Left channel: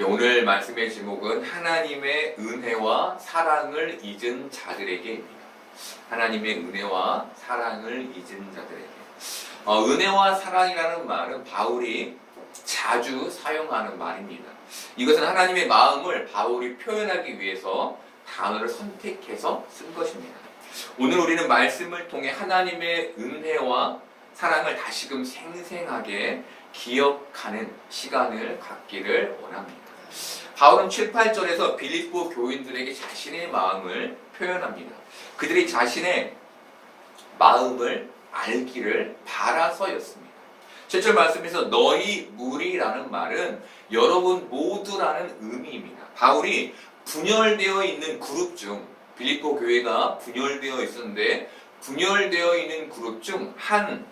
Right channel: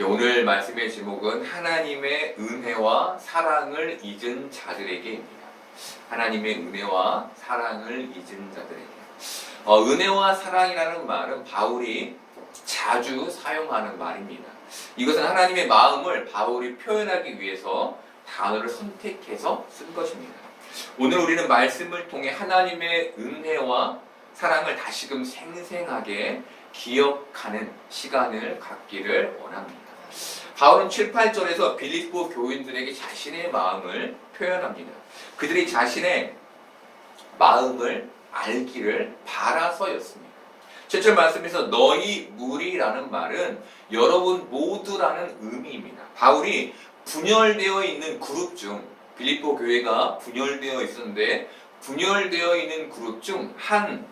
오늘 말씀의 제목은 하나님의 은혜와 사랑을 잊은 자들에게입니다. 하나님의 은혜와 사랑을 잊은 자들에게. 은혜와 사랑이라는 말은 바울이 자주 사용하는 말입니다. 이것은 하나님의 마음을 바울이 표현하기 위해서 단어를 선택해서 쓴 것입니다. 오늘 우리는 말씀을 통해 하나님의 은혜와 사랑을 다시금 생생하게 기억하는 시간을 갖기를 원합니다. 바울은 7, 8절에서 빌립보 교인들에게 자신의 마음을 표현합니다. 그들이 자신의 마음을 알기를 바라서였습니다. 7절 말씀에서 너희 무리라는 말은 여러분 모두라는 의미입니다. 바울이 분열되어 있는 그룹 중 빌립보 교회가 분열되어 있었는데 분열되어 있는 그룹 중 한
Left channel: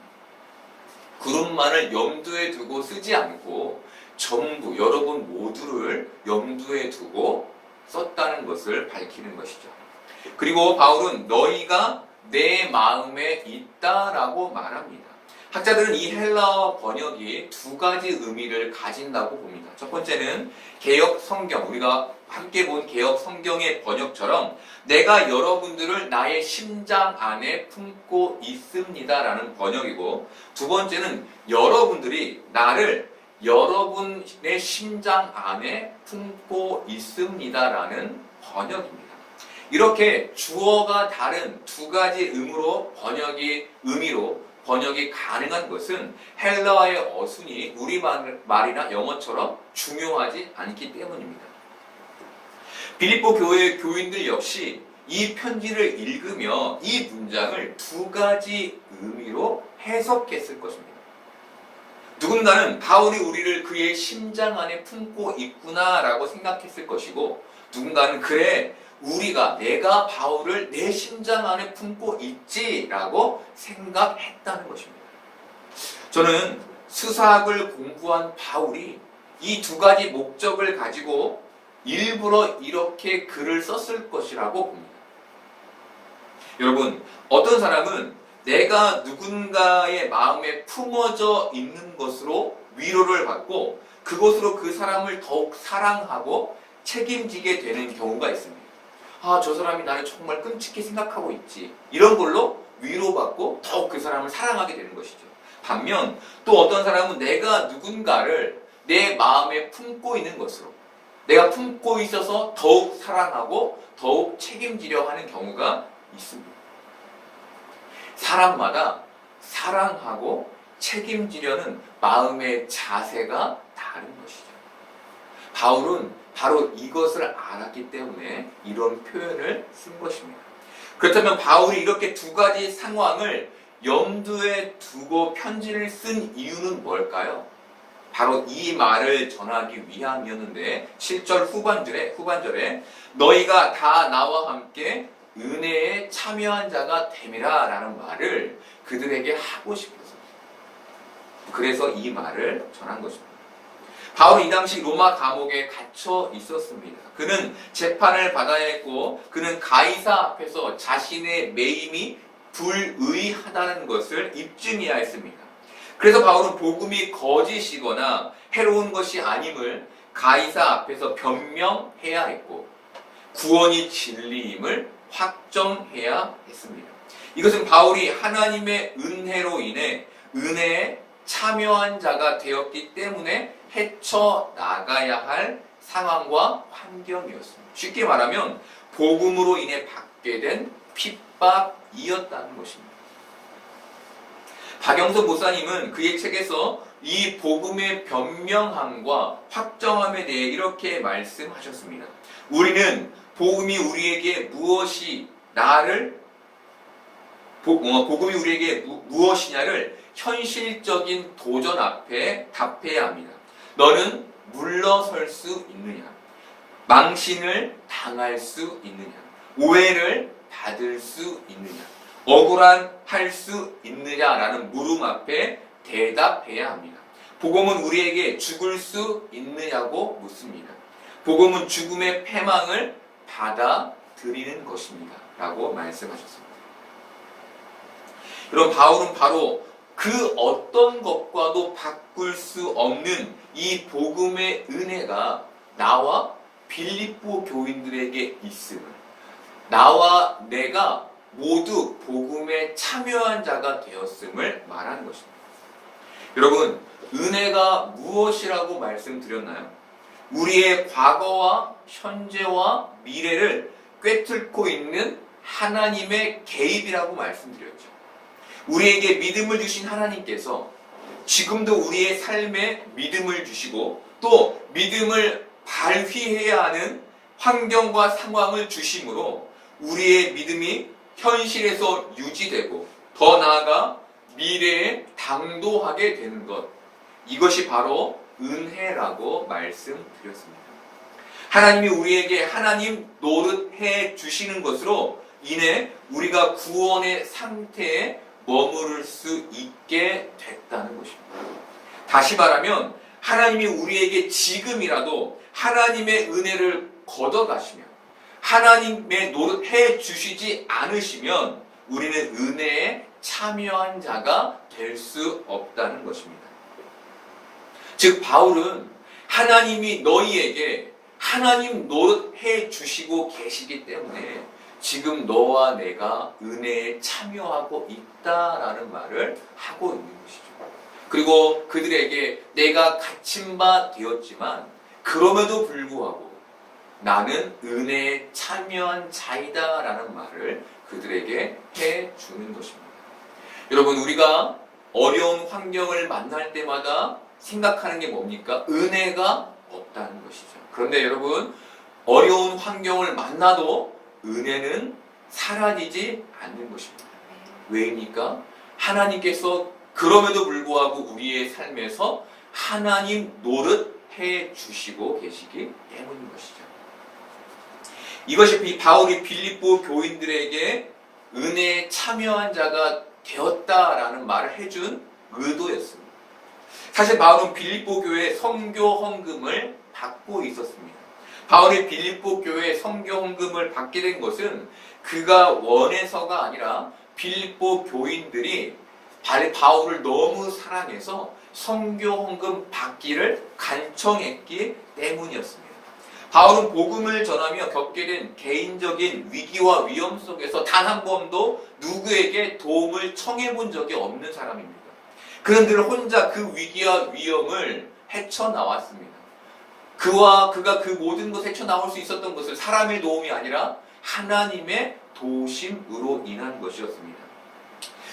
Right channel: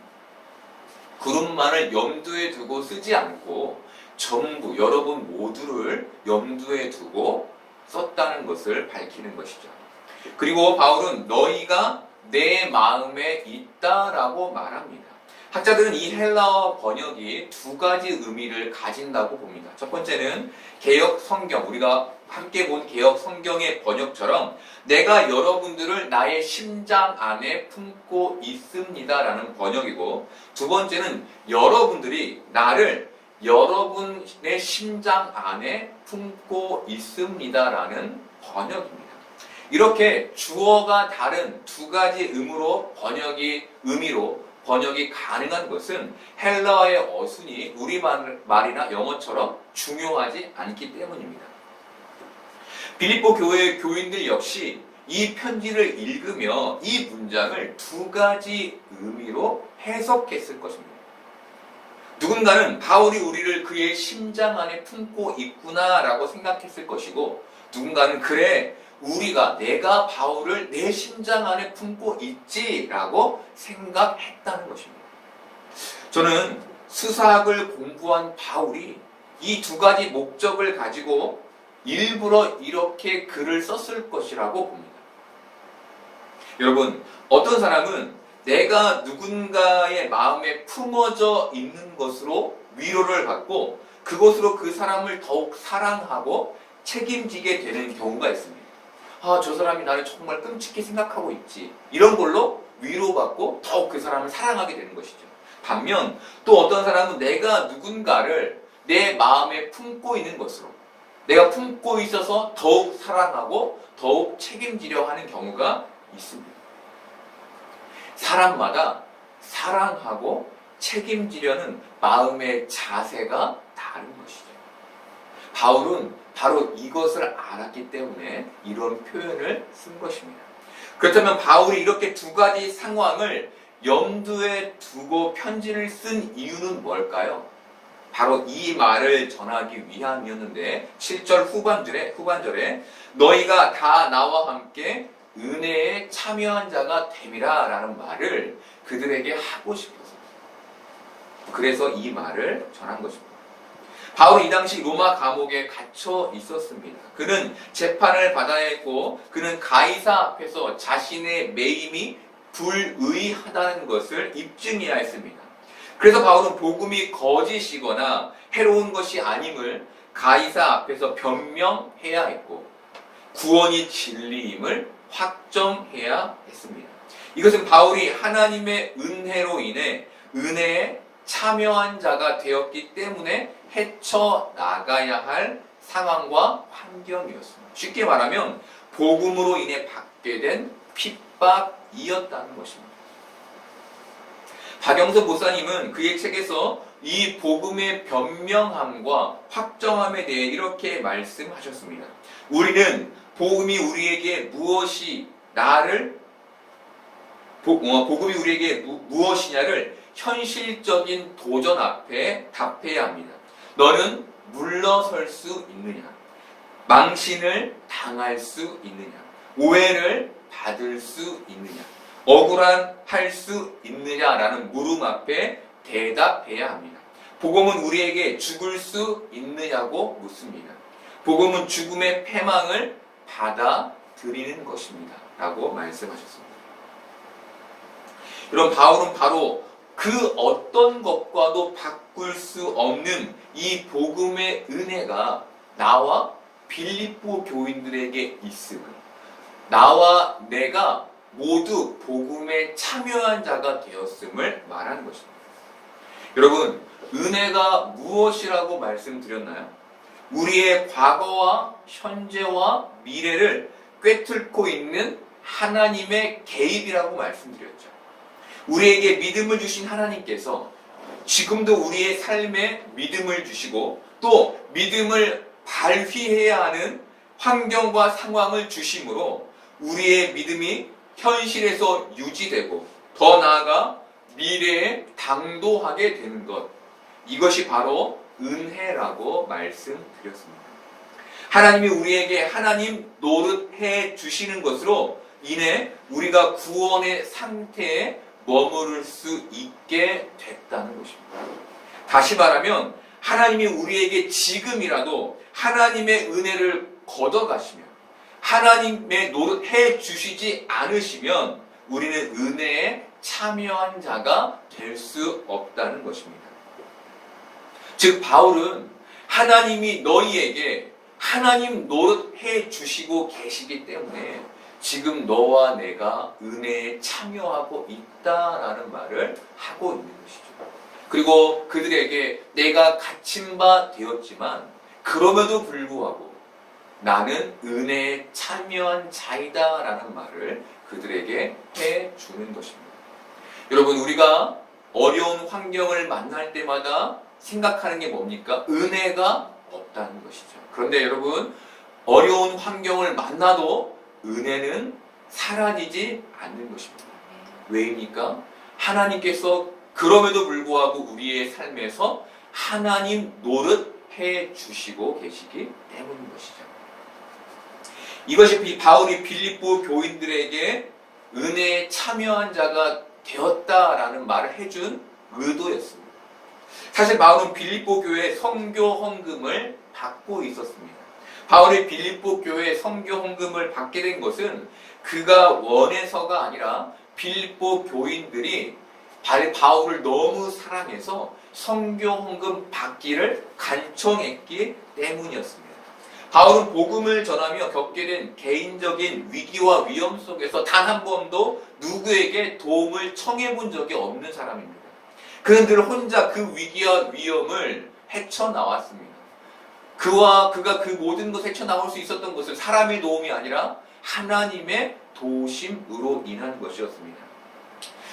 그룹만을 염두에 두고 쓰지 않고 전부 여러분 모두를 염두에 두고 썼다는 것을 밝히는 것이죠. 그리고 바울은 너희가 내 마음에 있다라고 말합니다. 학자들은 이 헬라어 번역이 두 가지 의미를 가진다고 봅니다. 첫 번째는 개역 성경, 우리가 함께 본 개역 성경의 번역처럼 내가 여러분들을 나의 심장 안에 품고 있습니다라는 번역이고, 두 번째는 여러분들이 나를 여러분의 심장 안에 품고 있습니다라는 번역입니다. 이렇게 주어가 다른 두 가지 의미로 번역이 가능한 것은 헬라어의 어순이 우리말이나 영어처럼 중요하지 않기 때문입니다. 빌립보 교회의 교인들 역시 이 편지를 읽으며 이 문장을 두 가지 의미로 해석했을 것입니다. 누군가는 바울이 우리를 그의 심장 안에 품고 있구나라고 생각했을 것이고, 누군가는 그래 내가 바울을 내 심장 안에 품고 있지라고 생각했다는 것입니다. 저는 수사학을 공부한 바울이 이 두 가지 목적을 가지고 일부러 이렇게 글을 썼을 것이라고 봅니다. 여러분, 어떤 사람은 내가 누군가의 마음에 품어져 있는 것으로 위로를 받고 그것으로 그 사람을 더욱 사랑하고 책임지게 되는 경우가 있습니다. 저 사람이 나를 정말 끔찍히 생각하고 있지. 이런 걸로 위로받고 더욱 그 사람을 사랑하게 되는 것이죠. 반면 또 어떤 사람은 내가 누군가를 내 마음에 품고 있는 것으로, 내가 품고 있어서 더욱 사랑하고 더욱 책임지려 하는 경우가 있습니다. 사람마다 사랑하고 책임지려는 마음의 자세가 다른 것이죠. 바울은 바로 이것을 알았기 때문에 이런 표현을 쓴 것입니다. 그렇다면 바울이 이렇게 두 가지 상황을 염두에 두고 편지를 쓴 이유는 뭘까요? 바로 이 말을 전하기 위함이었는데, 7절 후반절에 너희가 다 나와 함께 은혜에 참여한 자가 됨이라 라는 말을 그들에게 하고 싶어서, 그래서 이 말을 전한 것입니다. 바울은 이 당시 로마 감옥에 갇혀 있었습니다. 그는 재판을 받아야 했고 그는 가이사 앞에서 자신의 매임이 불의하다는 것을 입증해야 했습니다. 그래서 바울은 복음이 거짓이거나 해로운 것이 아님을 가이사 앞에서 변명해야 했고 구원이 진리임을 확정해야 했습니다. 이것은 바울이 하나님의 은혜로 인해 은혜에 참여한 자가 되었기 때문에 헤쳐나가야 할 상황과 환경이었습니다. 쉽게 말하면 복음으로 인해 받게 된 핍박이었다는 것입니다. 박영석 목사님은 그의 책에서 이 복음의 변명함과 확정함에 대해 이렇게 말씀하셨습니다. 우리는 복음이 우리에게 무엇이냐를 현실적인 도전 앞에 답해야 합니다. 너는 물러설 수 있느냐? 망신을 당할 수 있느냐? 오해를 받을 수 있느냐? 억울할 수 있느냐라는 물음 앞에 대답해야 합니다. 복음은 우리에게 죽을 수 있느냐고 묻습니다. 복음은 죽음의 패망을 받아들이는 것입니다. 라고 말씀하셨습니다. 여러분, 바울은 바로 그 어떤 것과도 바꿀 수 없는 이 복음의 은혜가 나와 빌립보 교인들에게 있음을, 나와 내가 모두 복음에 참여한 자가 되었음을 말하는 것입니다. 여러분, 은혜가 무엇이라고 말씀드렸나요? 우리의 과거와 현재와 미래를 꿰뚫고 있는 하나님의 개입이라고 말씀드렸죠. 우리에게 믿음을 주신 하나님께서 지금도 우리의 삶에 믿음을 주시고 또 믿음을 발휘해야 하는 환경과 상황을 주심으로 우리의 믿음이 현실에서 유지되고 더 나아가 미래에 당도하게 되는 것, 이것이 바로 은혜라고 말씀드렸습니다. 하나님이 우리에게 하나님 노릇해 주시는 것으로 인해 우리가 구원의 상태에 머무를 수 있게 됐다는 것입니다. 다시 말하면 하나님이 우리에게 지금이라도 하나님의 은혜를 걷어가시면, 하나님의 노릇해 주시지 않으시면 우리는 은혜에 참여한 자가 될 수 없다는 것입니다. 즉 바울은 하나님이 너희에게 하나님 노릇해 주시고 계시기 때문에 지금 너와 내가 은혜에 참여하고 있다라는 말을 하고 있는 것이죠. 그리고 그들에게 내가 갇힌 바 되었지만 그럼에도 불구하고 나는 은혜에 참여한 자이다라는 말을 그들에게 해주는 것입니다. 여러분, 우리가 어려운 환경을 만날 때마다 생각하는 게 뭡니까? 은혜가 없다는 것이죠. 그런데 여러분, 어려운 환경을 만나도 은혜는 사라지지 않는 것입니다. 왜입니까? 하나님께서 그럼에도 불구하고 우리의 삶에서 하나님 노릇해 주시고 계시기 때문인 것이죠. 이것이 바울이 빌립보 교인들에게 은혜에 참여한 자가 되었다라는 말을 해준 의도였습니다. 사실 바울은 빌립보 교회 선교 헌금을 받고 있었습니다. 바울이 빌립보 교회 선교 헌금을 받게 된 것은 그가 원해서가 아니라 빌립보 교인들이 바울을 너무 사랑해서 선교 헌금 받기를 간청했기 때문이었습니다. 바울은 복음을 전하며 겪게 된 개인적인 위기와 위험 속에서 단 한 번도 누구에게 도움을 청해 본 적이 없는 사람입니다. 그는 늘 혼자 그 위기와 위험을 헤쳐나왔습니다. 그가 그 모든 것을 헤쳐나올 수 있었던 것은 사람의 도움이 아니라 하나님의 도우심으로 인한 것이었습니다.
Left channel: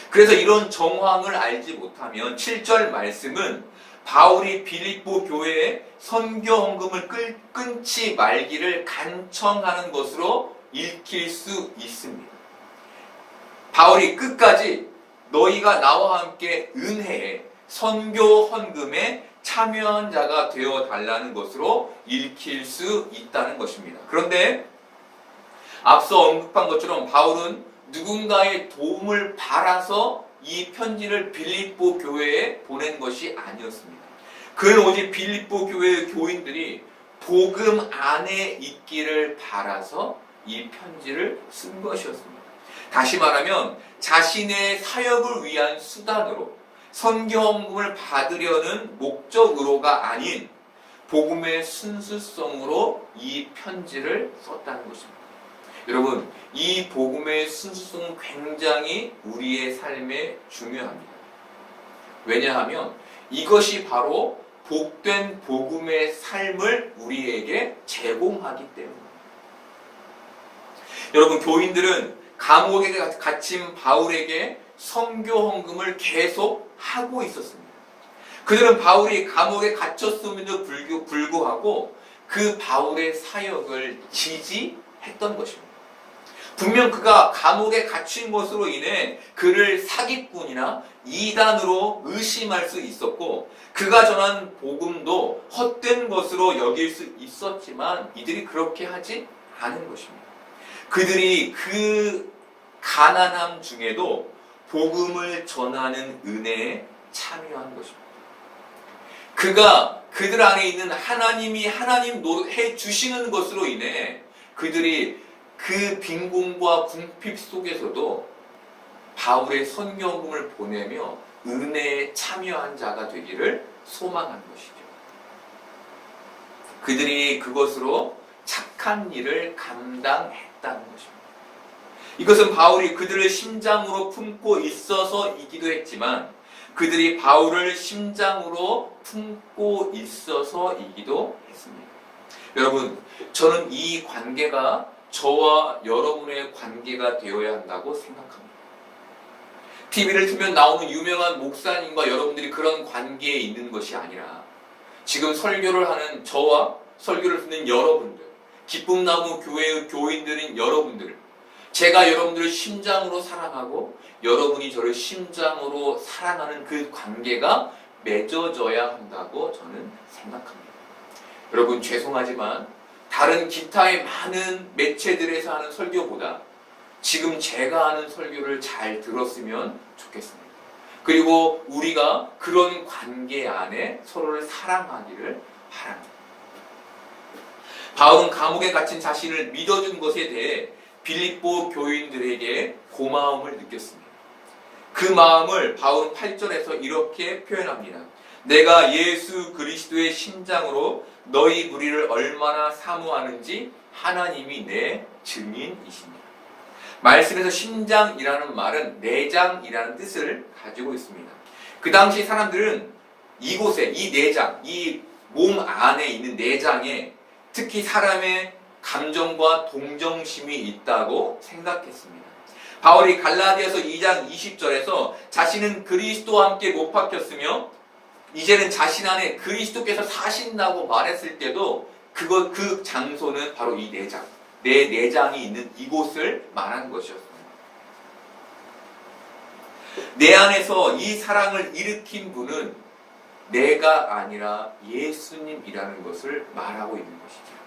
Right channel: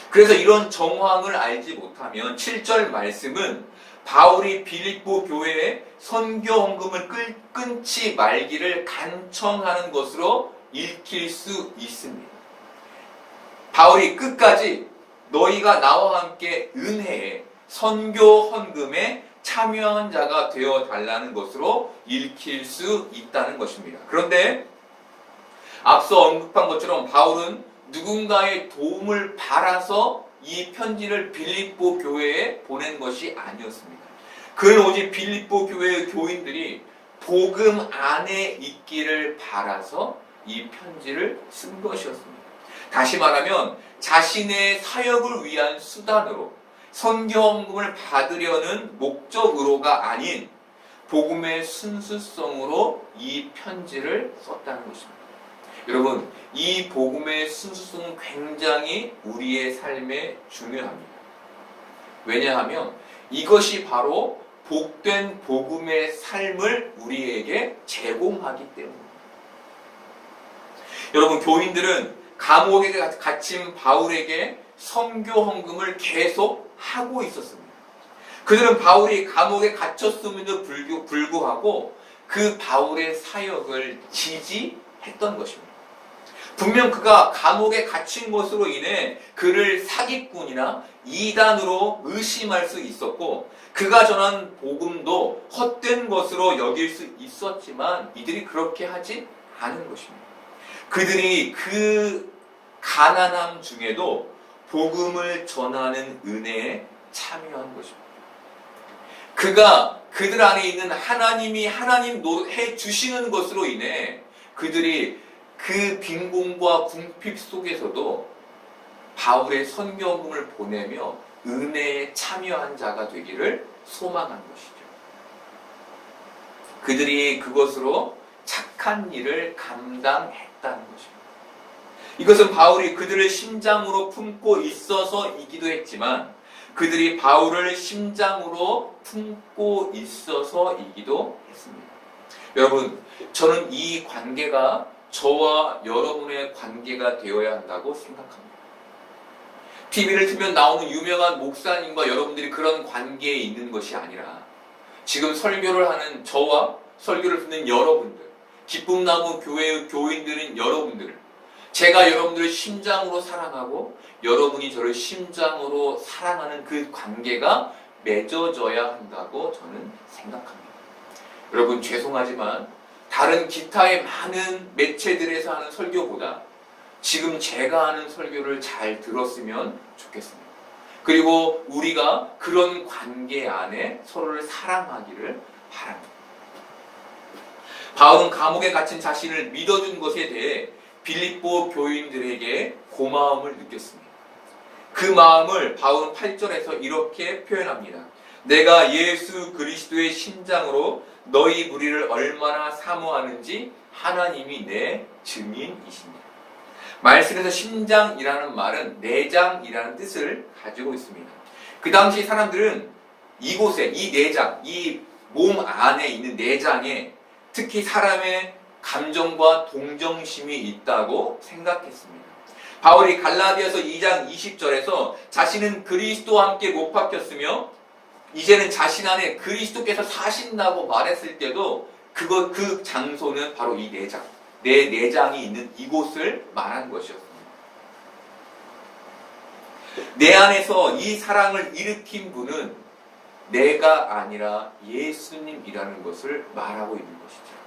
그래서 이런 정황을 알지 못하면 7절 말씀은 바울이 빌립보 교회에 선교 헌금을 끊지 말기를 간청하는 것으로 읽힐 수 있습니다. 바울이 끝까지 너희가 나와 함께 은혜에 선교 헌금에 참여한 자가 되어 달라는 것으로 읽힐 수 있다는 것입니다. 그런데 앞서 언급한 것처럼 바울은 누군가의 도움을 바라서 이 편지를 빌립보 교회에 보낸 것이 아니었습니다. 그는 오직 빌립보 교회의 교인들이 복음 안에 있기를 바라서 이 편지를 쓴 것이었습니다. 다시 말하면 자신의 사역을 위한 수단으로 선교 헌금을 받으려는 목적으로가 아닌 복음의 순수성으로 이 편지를 썼다는 것입니다. 여러분, 이 복음의 순수성은 굉장히 우리의 삶에 중요합니다. 왜냐하면 이것이 바로 복된 복음의 삶을 우리에게 제공하기 때문입니다. 여러분, 교인들은 감옥에 갇힌 바울에게 선교 헌금을 계속 하고 있었습니다. 그들은 바울이 감옥에 갇혔음에도 불구하고 그 바울의 사역을 지지했던 것입니다. 분명 그가 감옥에 갇힌 것으로 인해 그를 사기꾼이나 이단으로 의심할 수 있었고 그가 전한 복음도 헛된 것으로 여길 수 있었지만 이들이 그렇게 하지 않은 것입니다. 그들이 그 가난함 중에도 복음을 전하는 은혜에 참여한 것입니다. 그들 안에 있는 하나님이 하나님 노릇해 주시는 것으로 인해 그들이 그 빈곤과 궁핍 속에서도 바울의 선교헌금을 보내며 은혜에 참여한 자가 되기를 소망한 것이죠. 그들이 그것으로 착한 일을 감당했다는 것입니다. 이것은 바울이 그들을 심장으로 품고 있어서이기도 했지만 그들이 바울을 심장으로 품고 있어서이기도 했습니다. 여러분, 저는 이 관계가 저와 여러분의 관계가 되어야 한다고 생각합니다. TV를 틀면 나오는 유명한 목사님과 여러분들이 그런 관계에 있는 것이 아니라 지금 설교를 하는 저와 설교를 듣는 여러분들, 기쁨나무 교회의 교인들인 여러분들, 제가 여러분들을 심장으로 사랑하고 여러분이 저를 심장으로 사랑하는 그 관계가 맺어져야 한다고 저는 생각합니다. 여러분, 죄송하지만 다른 기타의 많은 매체들에서 하는 설교보다 지금 제가 하는 설교를 잘 들었으면 좋겠습니다. 그리고 우리가 그런 관계 안에 서로를 사랑하기를 바랍니다. 바울은 감옥에 갇힌 자신을 믿어준 것에 대해 빌립보 교인들에게 고마움을 느꼈습니다. 그 마음을 바울은 8절에서 이렇게 표현합니다. 내가 예수 그리스도의 심장으로 너희 무리를 얼마나 사모하는지 하나님이 내 증인이십니다. 말씀에서 심장이라는 말은 내장이라는 뜻을 가지고 있습니다. 그 당시 사람들은 이곳에 이 내장, 이 몸 안에 있는 내장에 특히 사람의 감정과 동정심이 있다고 생각했습니다. 바울이 갈라디아서 2장 20절에서 자신은 그리스도와 함께 못 박혔으며 이제는 자신 안에 그리스도께서 사신다고 말했을 때도 그 장소는 바로 이 내장, 내 내장이 있는 이곳을 말한 것이었습니다. 내 안에서 이 사랑을 일으킨 분은 내가 아니라 예수님이라는 것을 말하고 있는 것이죠.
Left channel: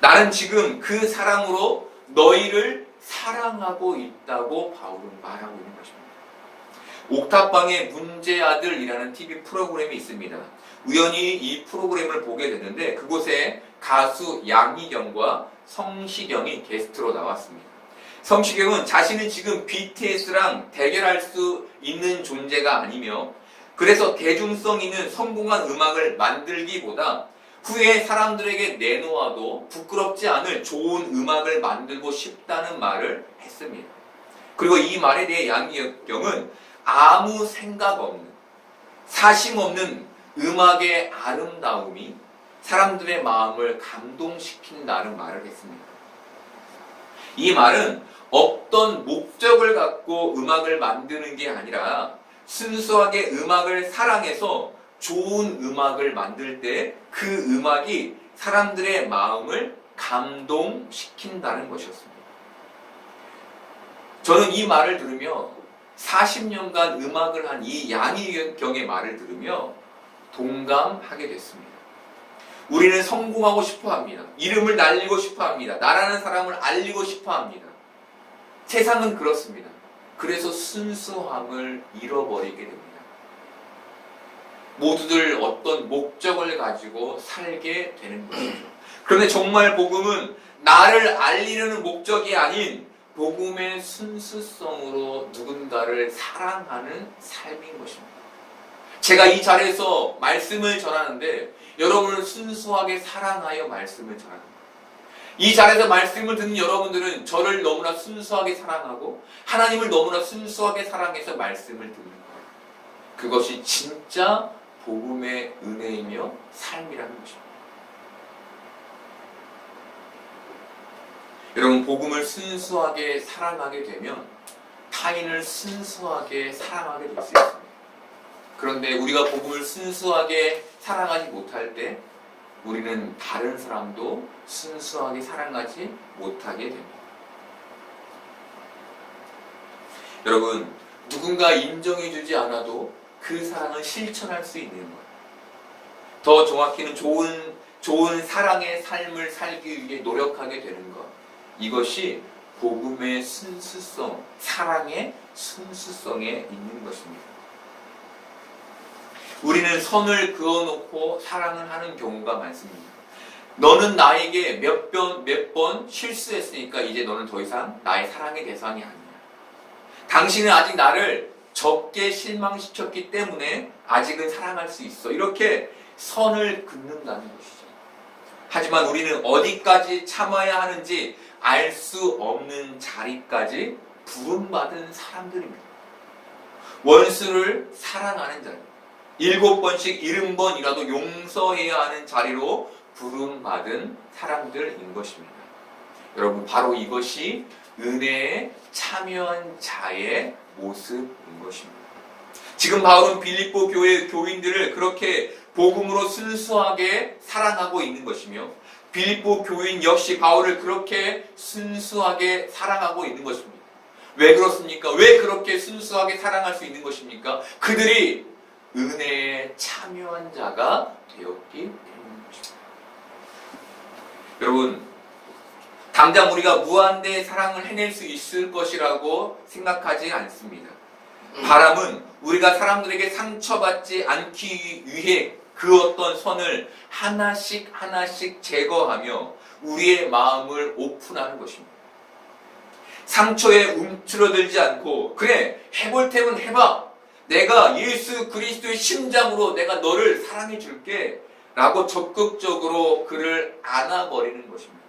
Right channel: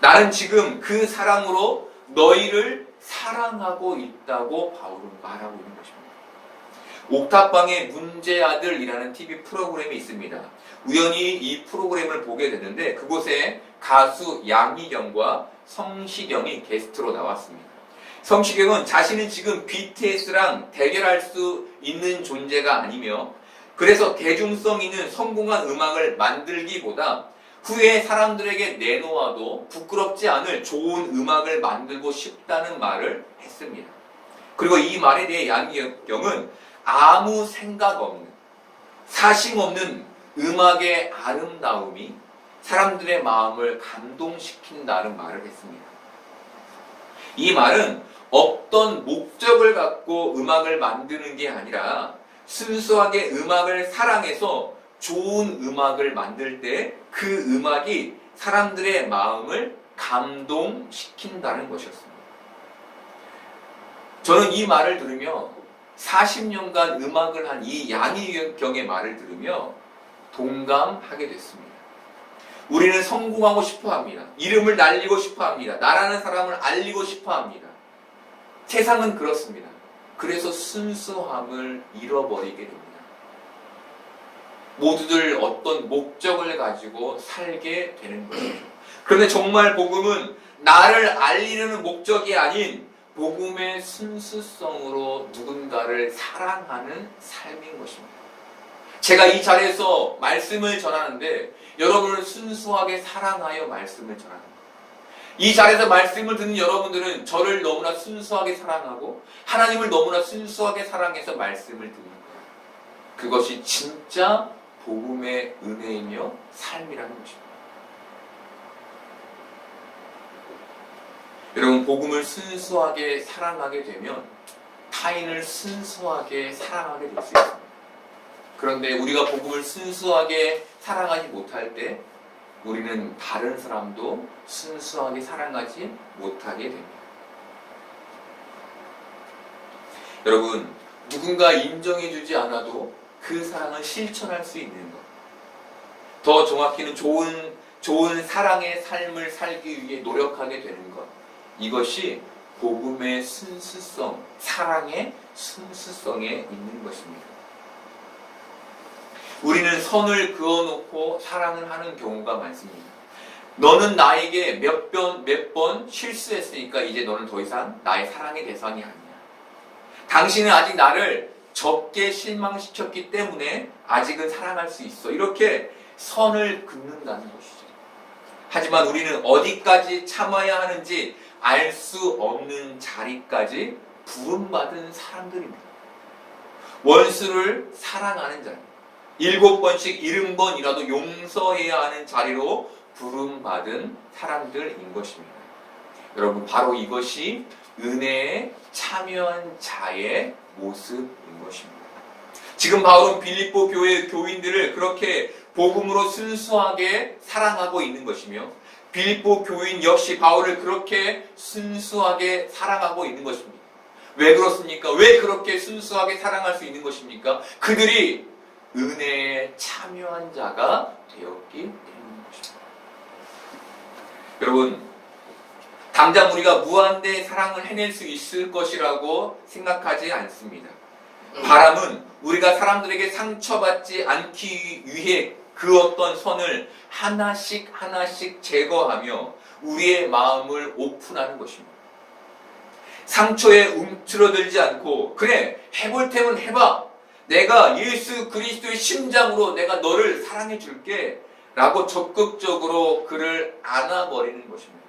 나는 지금 그 사랑으로 너희를 사랑하고 있다고 바울은 말하고 있는 것입니다. 옥탑방의 문제아들이라는 TV 프로그램이 있습니다. 우연히 이 프로그램을 보게 됐는데 그곳에 가수 양희경과 성시경이 게스트로 나왔습니다. 성시경은 자신은 지금 BTS랑 대결할 수 있는 존재가 아니며 그래서 대중성 있는 성공한 음악을 만들기보다 후에 사람들에게 내놓아도 부끄럽지 않을 좋은 음악을 만들고 싶다는 말을 했습니다. 그리고 이 말에 대해 양희경은 아무 생각 없는, 사심 없는 음악의 아름다움이 사람들의 마음을 감동시킨다는 말을 했습니다. 이 말은 어떤 목적을 갖고 음악을 만드는 게 아니라 순수하게 음악을 사랑해서 좋은 음악을 만들 때 그 음악이 사람들의 마음을 감동시킨다는 것이었습니다. 저는 이 말을 들으며 40년간 음악을 한 이 양희경의 말을 들으며 동감하게 됐습니다. 우리는 성공하고 싶어 합니다. 이름을 날리고 싶어 합니다. 나라는 사람을 알리고 싶어 합니다. 세상은 그렇습니다. 그래서 순수함을 잃어버리게 됩니다. 모두들 어떤 목적을 가지고 살게 되는 것이죠. 그런데 정말 복음은 나를 알리려는 목적이 아닌 복음의 순수성으로 누군가를 사랑하는 삶인 것입니다. 제가 이 자리에서 말씀을 전하는데 여러분을 순수하게 사랑하여 말씀을 전합니다. 이 자리에서 말씀을 듣는 여러분들은 저를 너무나 순수하게 사랑하고 하나님을 너무나 순수하게 사랑해서 말씀을 듣는 거예요. 그것이 진짜 복음의 은혜이며 삶이라는 것입니다. 여러분, 복음을 순수하게 사랑하게 되면 타인을 순수하게 사랑하게 될 수 있습니다. 그런데 우리가 복음을 순수하게 사랑하지 못할 때 우리는 다른 사람도 순수하게 사랑하지 못하게 됩니다. 여러분, 누군가 인정해주지 않아도 그 사랑을 실천할 수 있는 것. 더 정확히는 좋은 사랑의 삶을 살기 위해 노력하게 되는 것. 이것이 복음의 순수성, 사랑의 순수성에 있는 것입니다. 우리는 선을 그어놓고 사랑을 하는 경우가 많습니다. 너는 나에게 몇 번 실수했으니까 이제 너는 더 이상 나의 사랑의 대상이 아니야. 당신은 아직 나를 적게 실망시켰기 때문에 아직은 사랑할 수 있어. 이렇게 선을 긋는다는 것이죠. 하지만 우리는 어디까지 참아야 하는지 알 수 없는 자리까지 부름받은 사람들입니다. 원수를 사랑하는 자리, 7번씩 70번이라도 용서해야 하는 자리로 부름받은 사람들인 것입니다. 여러분, 바로 이것이 은혜에 참여한 자의 모습인 것입니다. 지금 바울은 빌립보 교회 교인들을 그렇게 복음으로 순수하게 사랑하고 있는 것이며, 빌립보 교인 역시 바울을 그렇게 순수하게 사랑하고 있는 것입니다. 왜 그렇습니까? 왜 그렇게 순수하게 사랑할 수 있는 것입니까? 그들이 은혜에 참여한 자가 되었기 때문인 것입니다. 여러분, 당장 우리가 무한대 사랑을 해낼 수 있을 것이라고 생각하지 않습니다. 바람은 우리가 사람들에게 상처받지 않기 위해 그 어떤 선을 하나씩 하나씩 제거하며 우리의 마음을 오픈하는 것입니다. 상처에 움츠러들지 않고, 그래, 해볼 테면 해봐, 내가 예수 그리스도의 심장으로 내가 너를 사랑해 줄게 라고 적극적으로 그를 안아버리는 것입니다.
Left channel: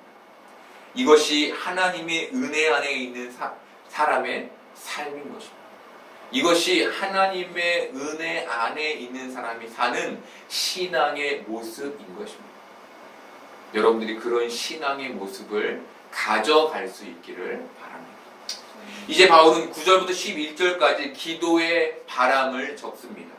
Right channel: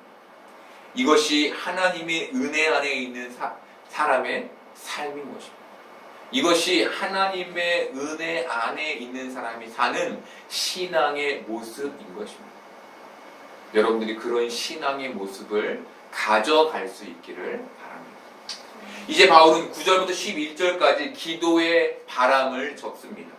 이것이 하나님의 은혜 안에 있는 사람의 삶인 것입니다. 이것이 하나님의 은혜 안에 있는 사람이 사는 신앙의 모습인 것입니다. 여러분들이 그런 신앙의 모습을 가져갈 수 있기를 바랍니다. 이제 바울은 9절부터 11절까지 기도의 바람을 적습니다.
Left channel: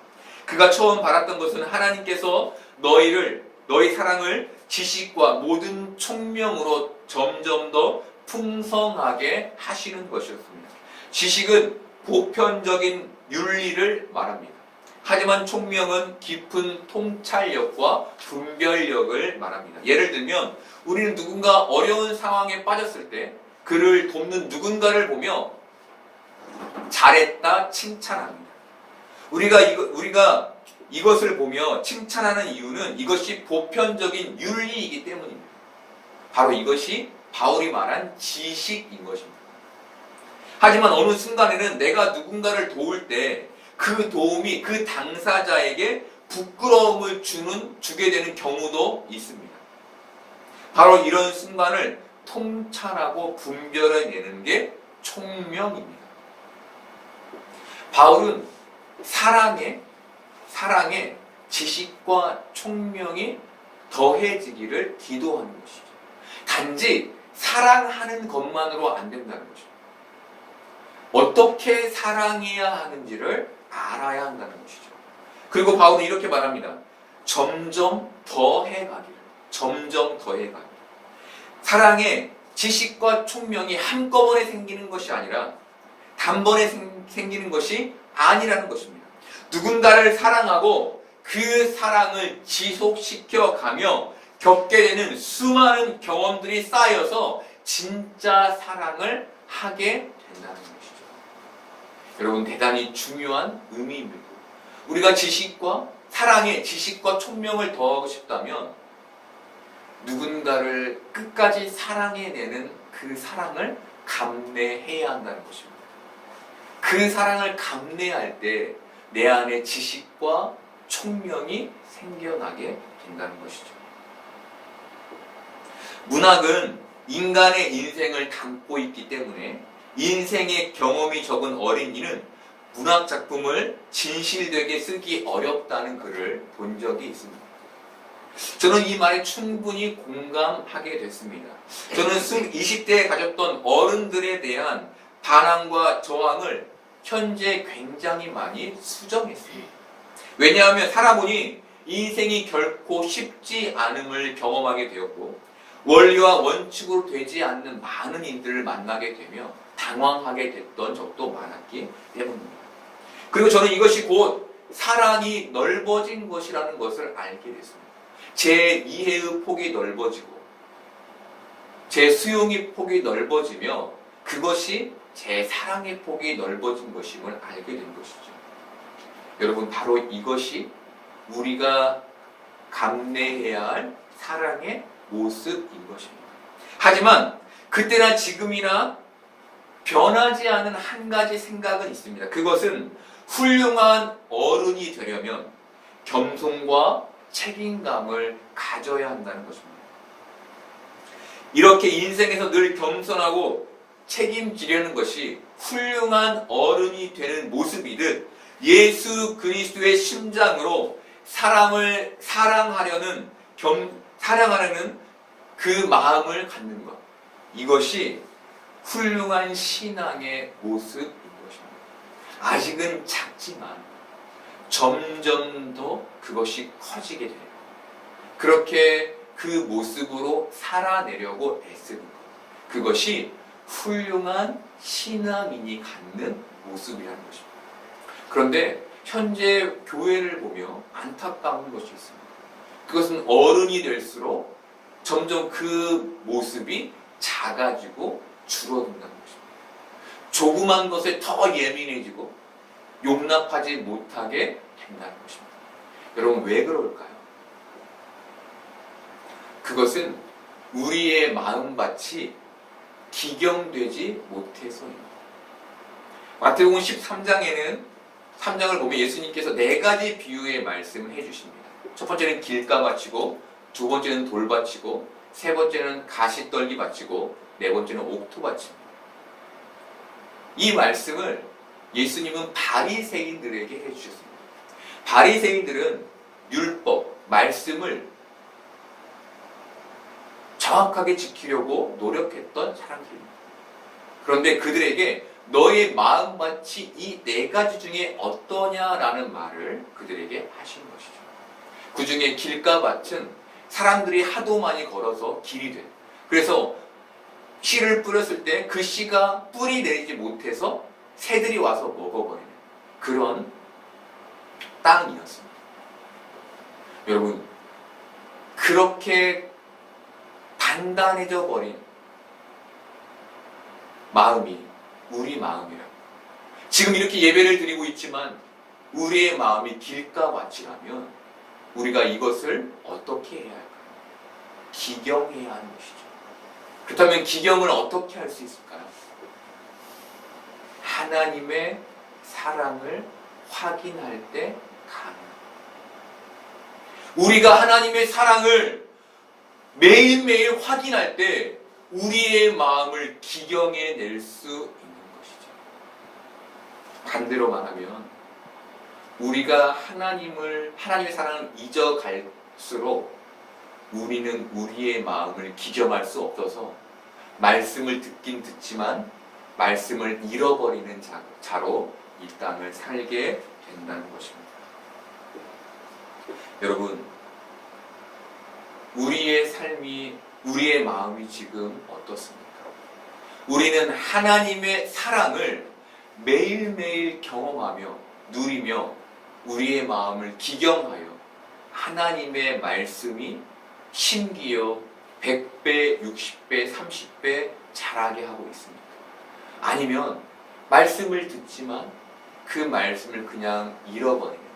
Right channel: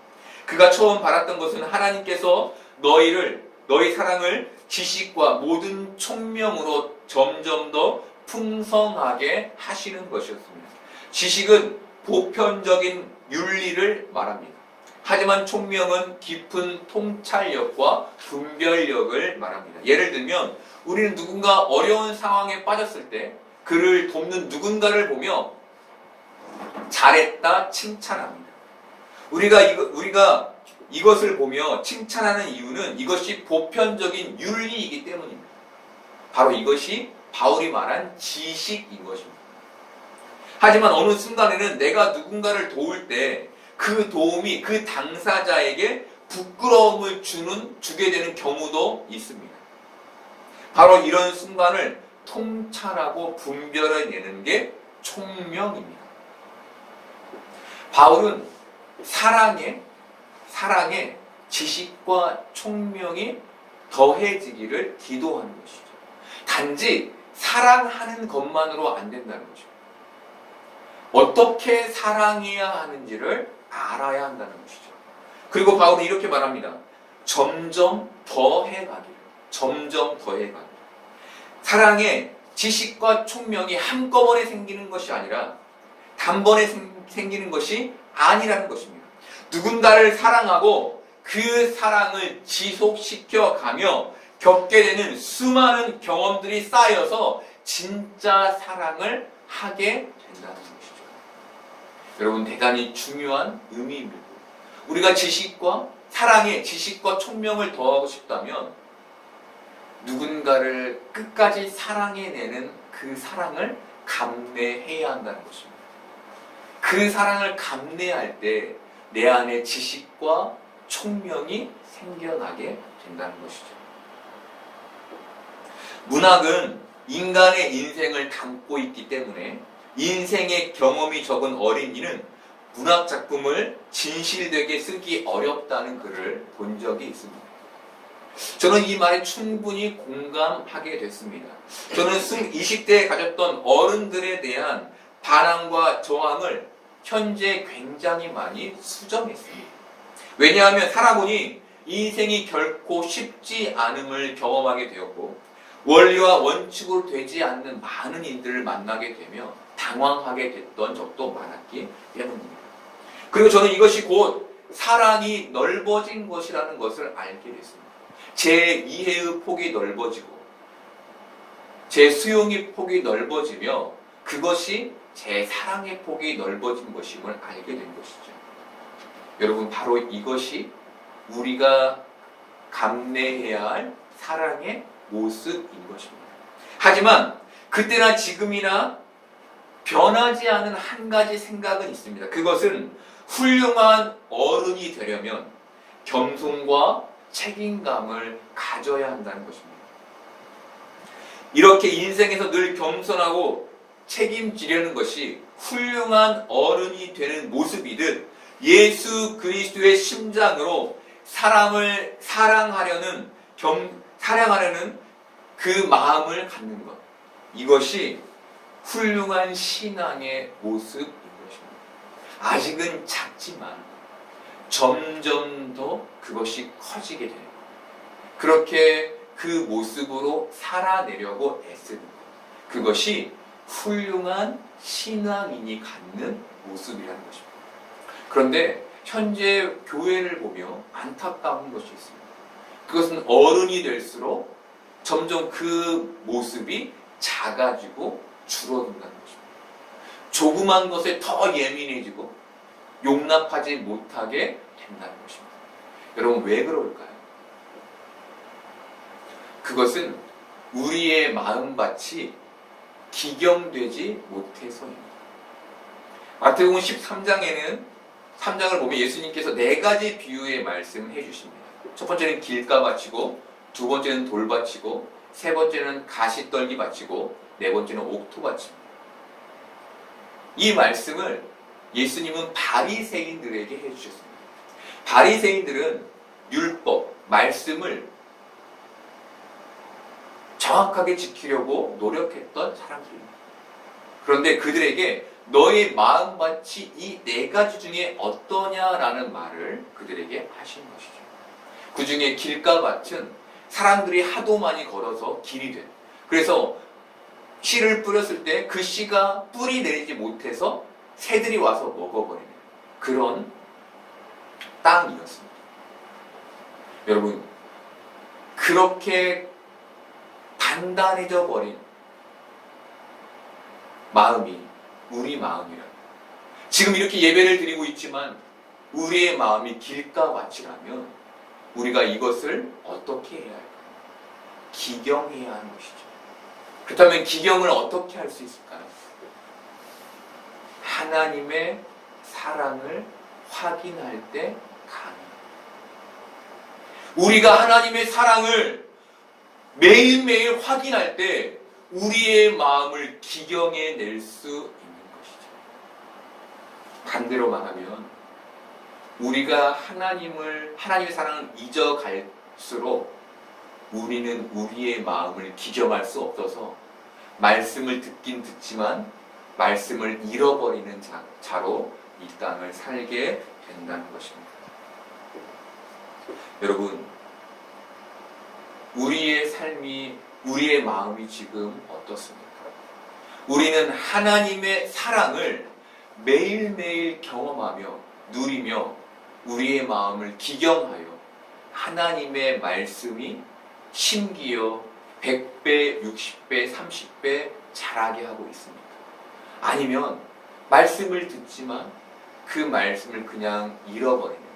그가 처음 바랐던 것은 하나님께서 너희 사랑을 지식과 모든 총명으로 점점 더 풍성하게 하시는 것이었습니다. 지식은 보편적인 윤리를 말합니다. 하지만 총명은 깊은 통찰력과 분별력을 말합니다. 예를 들면 우리는 누군가 어려운 상황에 빠졌을 때 그를 돕는 누군가를 보며 잘했다 칭찬합니다. 우리가 이것을 보며 칭찬하는 이유는 이것이 보편적인 윤리이기 때문입니다. 바로 이것이 바울이 말한 지식인 것입니다. 하지만 어느 순간에는 내가 누군가를 도울 때 그 도움이 그 당사자에게 부끄러움을 주게 되는 경우도 있습니다. 바로 이런 순간을 통찰하고 분별해내는 게 총명입니다. 바울은 사랑에 지식과 총명이 더해지기를 기도하는 것이죠. 단지 사랑하는 것만으로 안 된다는 거죠. 어떻게 사랑해야 하는지를 알아야 한다는 것이죠. 그리고 바울은 이렇게 말합니다. 점점 더해가기를. 사랑의 지식과 총명이 한꺼번에 생기는 것이 아니라 단번에 생기는 것이 아니라는 것입니다. 누군가를 사랑하고 그 사랑을 지속시켜 가며 겪게 되는 수많은 경험들이 쌓여서 진짜 사랑을 하게 된다는 것이죠. 여러분, 대단히 중요한 의미입니다. 우리가 지식과 총명을 더하고 싶다면 누군가를 끝까지 사랑해내는 그 사랑을 감내해야 한다는 것입니다. 그 사랑을 감내할 때 내 안에 지식과 총명이 생겨나게 된다는 것이죠. 문학은 인간의 인생을 담고 있기 때문에 인생의 경험이 적은 어린이는 문학 작품을 진실되게 쓰기 어렵다는 글을 본 적이 있습니다. 저는 이 말에 충분히 공감하게 됐습니다. 저는 20대에 가졌던 어른들에 대한 반항과 저항을 현재 굉장히 많이 수정했습니다. 왜냐하면 살아보니 인생이 결코 쉽지 않음을 경험하게 되었고 원리와 원칙으로 되지 않는 많은 인들을 만나게 되며 당황하게 됐던 적도 많았기 때문입니다. 그리고 저는 이것이 곧 사랑이 넓어진 것이라는 것을 알게 됐습니다. 제 이해의 폭이 넓어지고 제 수용의 폭이 넓어지며 그것이 제 사랑의 폭이 넓어진 것임을 알게 된 것이죠. 여러분, 바로 이것이 우리가 감내해야 할 사랑의 모습인 것입니다. 하지만 그때나 지금이나 변하지 않은 한 가지 생각은 있습니다. 그것은 훌륭한 어른이 되려면 겸손과 책임감을 가져야 한다는 것입니다. 이렇게 인생에서 늘 겸손하고 책임지려는 것이 훌륭한 어른이 되는 모습이듯 예수 그리스도의 심장으로 사람을 사랑하려는 그 마음을 갖는 것. 이것이 훌륭한 신앙의 모습인 것입니다. 아직은 작지만 점점 더 그것이 커지게 되는 것. 그렇게 그 모습으로 살아내려고 애쓰는 것. 그것이 훌륭한 신앙인이 갖는 모습이라는 것입니다. 그런데 현재 교회를 보며 안타까운 것이 있습니다. 그것은 어른이 될수록 점점 그 모습이 작아지고 줄어든다는 것입니다. 조그만 것에 더 예민해지고 용납하지 못하게 된다는 것입니다. 여러분, 왜 그럴까요? 그것은 우리의 마음밭이 기경되지 못해서입니다. 마태복음 13장을 보면 예수님께서 4가지 비유의 말씀을 해주십니다. 첫 번째는 길가밭이고, 두 번째는 돌밭이고, 세 번째는 가시떨기밭이고, 네 번째는 옥토밭입니다. 이 말씀을 예수님은 바리새인들에게 해주셨습니다. 바리새인들은 율법, 말씀을 정확하게 지키려고 노력했던 사람들입니다. 그런데 그들에게 너의 마음밭이 이 4가지 중에 어떠냐라는 말을 그들에게 하신 것이죠. 그 중에 길가밭은 사람들이 하도 많이 걸어서 길이 된, 그래서 씨를 뿌렸을 때 그 씨가 뿌리 내리지 못해서 새들이 와서 먹어버리는 그런 땅이었습니다. 여러분, 그렇게 단단해져 버린 마음이 우리 마음이라면, 지금 이렇게 예배를 드리고 있지만 우리의 마음이 길가밭이라면 우리가 이것을 어떻게 해야 할까요? 기경해야 하는 것이죠. 그렇다면 기경을 어떻게 할 수 있을까요? 하나님의 사랑을 확인할 때 가능합니다. 우리가 하나님의 사랑을 매일매일 확인할 때 우리의 마음을 기경해 낼 수 있는 것이죠. 반대로 말하면 우리가 하나님의 사랑을 잊어갈수록 우리는 우리의 마음을 기경할 수 없어서 말씀을 듣긴 듣지만 말씀을 잃어버리는 자로 이 땅을 살게 된다는 것입니다. 여러분, 우리의 삶이, 우리의 마음이 지금 어떻습니까? 우리는 하나님의 사랑을 매일매일 경험하며 누리며 우리의 마음을 기경하여 하나님의 말씀이 심기어 100배, 60배, 30배 자라게 하고 있습니까? 아니면 말씀을 듣지만 그 말씀을 그냥 잃어버리는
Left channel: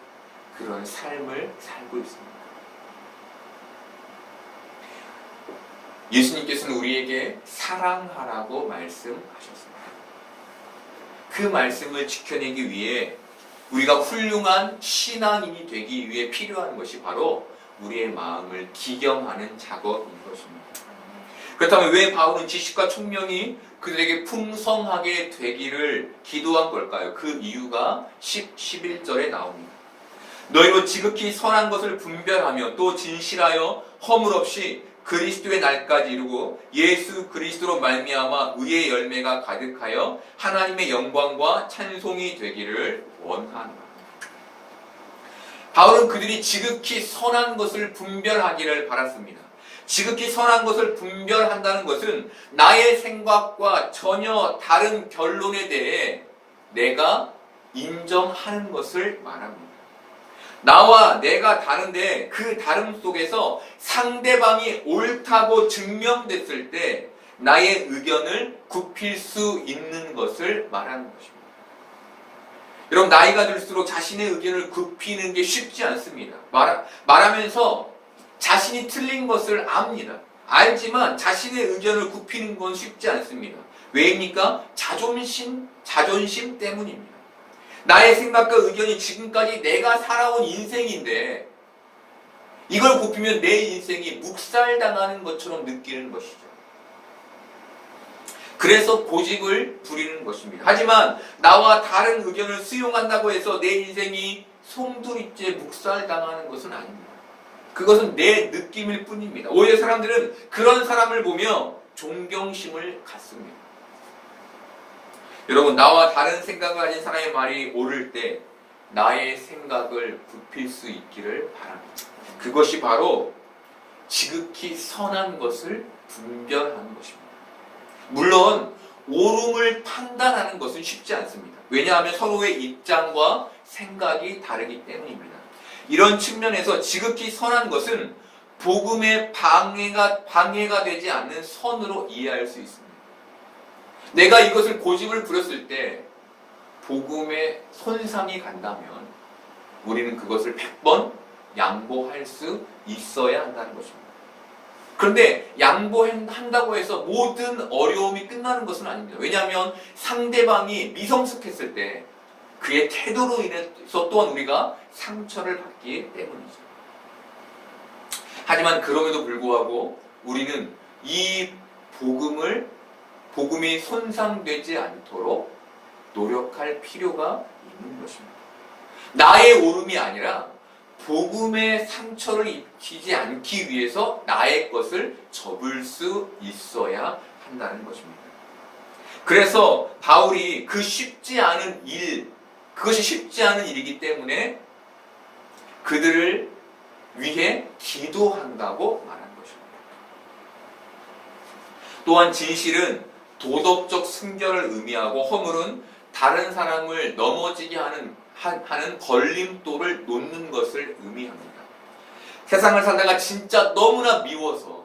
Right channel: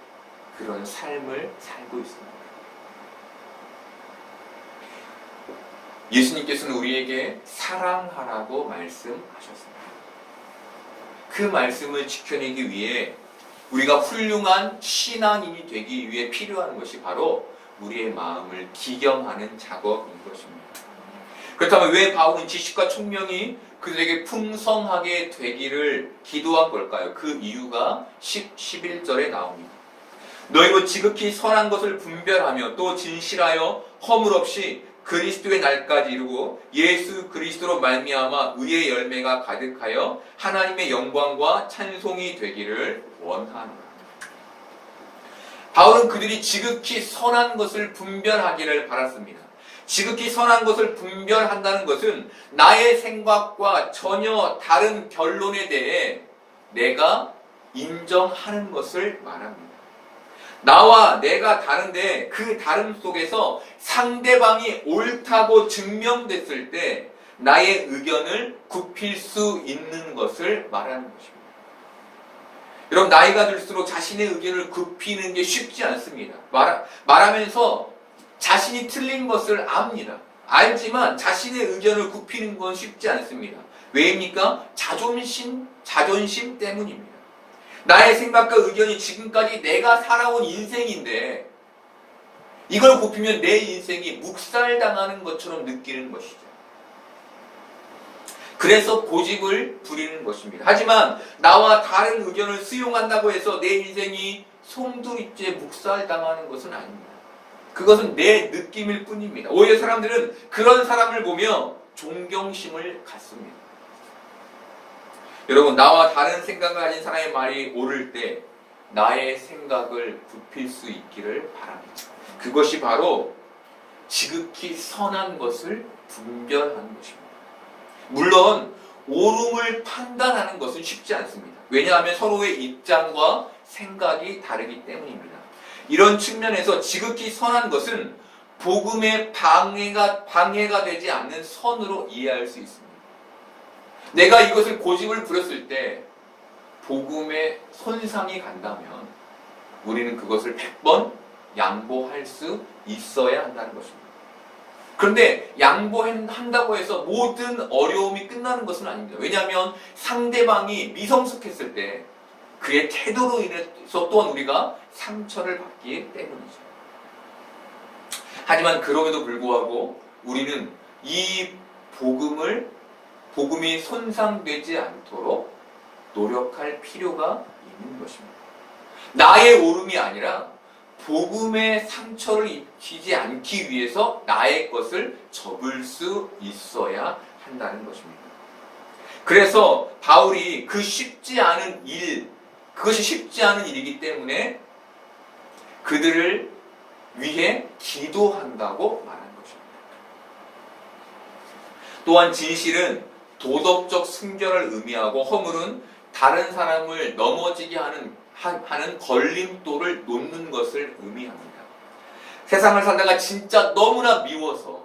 그런 삶을 살고 있습니다. 예수님께서는 우리에게 사랑하라고 말씀하셨습니다. 그 말씀을 지켜내기 위해 우리가 훌륭한 신앙인이 되기 위해 필요한 것이 바로 우리의 마음을 기경하는 작업인 것입니다. 그렇다면 왜 바울은 지식과 총명이 그들에게 풍성하게 되기를 기도한 걸까요? 그 이유가 11절에 나옵니다. 너희로 지극히 선한 것을 분별하며 또 진실하여 허물 없이 그리스도의 날까지 이루고 예수 그리스도로 말미암아 의의 열매가 가득하여 하나님의 영광과 찬송이 되기를 원하노라. 바울은 그들이 지극히 선한 것을 분별하기를 바랐습니다. 지극히 선한 것을 분별한다는 것은 나의 생각과 전혀 다른 결론에 대해 내가 인정하는 것을 말합니다. 나와 내가 다른데 그 다름 속에서 상대방이 옳다고 증명됐을 때 나의 의견을 굽힐 수 있는 것을 말하는 것입니다. 여러분, 나이가 들수록 자신의 의견을 굽히는 게 쉽지 않습니다. 말하면서 자신이 틀린 것을 압니다. 알지만 자신의 의견을 굽히는 건 쉽지 않습니다. 왜입니까? 자존심 때문입니다. 나의 생각과 의견이 지금까지 내가 살아온 인생인데 이걸 굽히면 내 인생이 묵살당하는 것처럼 느끼는 것이죠. 그래서 고집을 부리는 것입니다. 하지만 나와 다른 의견을 수용한다고 해서 내 인생이 송두리째 묵살당하는 것은 아닙니다. 그것은 내 느낌일 뿐입니다. 오히려 사람들은 그런 사람을 보며 존경심을 갖습니다. 여러분, 나와 다른 생각을 가진 사람의 말이 옳을 때 나의 생각을 굽힐 수 있기를 바랍니다. 그것이 바로 지극히 선한 것을 분별하는 것입니다. 물론 옳음을 판단하는 것은 쉽지 않습니다. 왜냐하면 서로의 입장과 생각이 다르기 때문입니다. 이런 측면에서 지극히 선한 것은 복음의 방해가 되지 않는 선으로 이해할 수 있습니다. 내가 이것을 고집을 부렸을 때 복음에 손상이 간다면 우리는 그것을 100번 양보할 수 있어야 한다는 것입니다. 그런데 양보한다고 해서 모든 어려움이 끝나는 것은 아닙니다. 왜냐하면 상대방이 미성숙했을 때 그의 태도로 인해서 또한 우리가 상처를 받기 때문이죠. 하지만 그럼에도 불구하고 우리는 이 복음이 손상되지 않도록 노력할 필요가 있는 것입니다. 나의 옳음이 아니라 복음의 상처를 입히지 않기 위해서 나의 것을 접을 수 있어야 한다는 것입니다. 그래서 바울이 그것이 쉽지 않은 일이기 때문에 그들을 위해 기도한다고 말하는 것입니다. 또한 진실은 도덕적 순결을 의미하고 허물은 다른 사람을 넘어지게 하는 걸림돌을 놓는 것을 의미합니다. 세상을 살다가 진짜 너무나 미워서,